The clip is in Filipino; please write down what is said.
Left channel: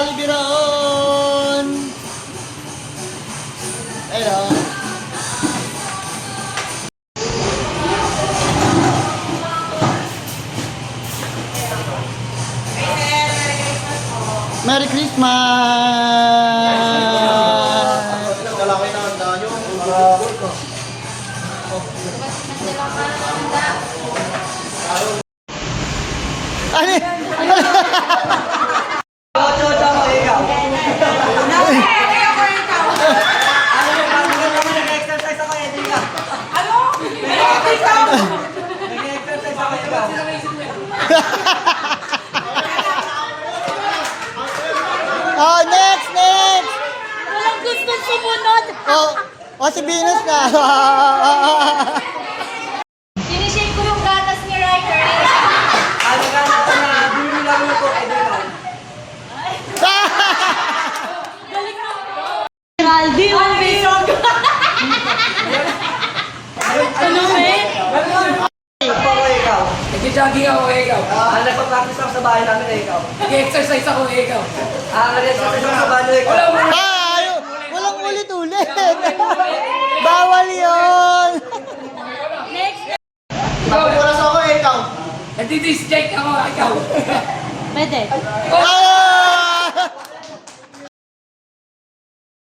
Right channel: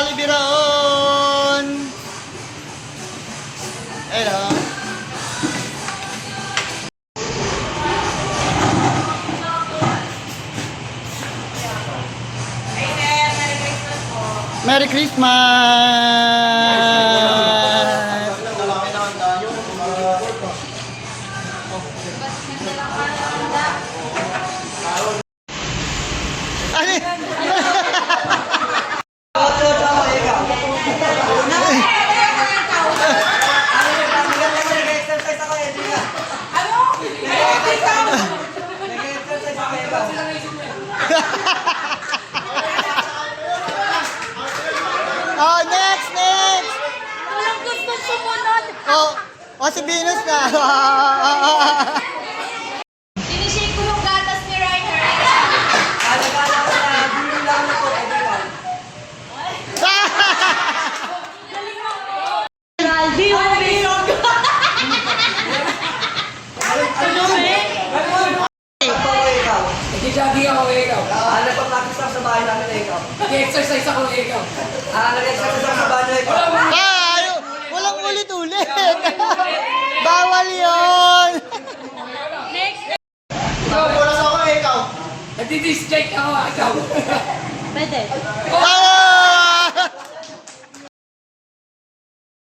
Jollibee Biraon. Ayun. Merry Christmas! Ano? Oh, next! Walang gustong sumunod. Si Venus na. Sinishake ko yung gatas ni Ryder. Aldi, Nag-jogging ako ikaw. Nagpa-practice ako sa bahay namin ikaw. Nag-exercise ako ikaw. Nag-exercise ako sa bahay ikaw. Walang ulit-ulit. Bawal yun. Pagpupulas ako ikaw. Nag-disc check ako ikaw. Pwede. Ah!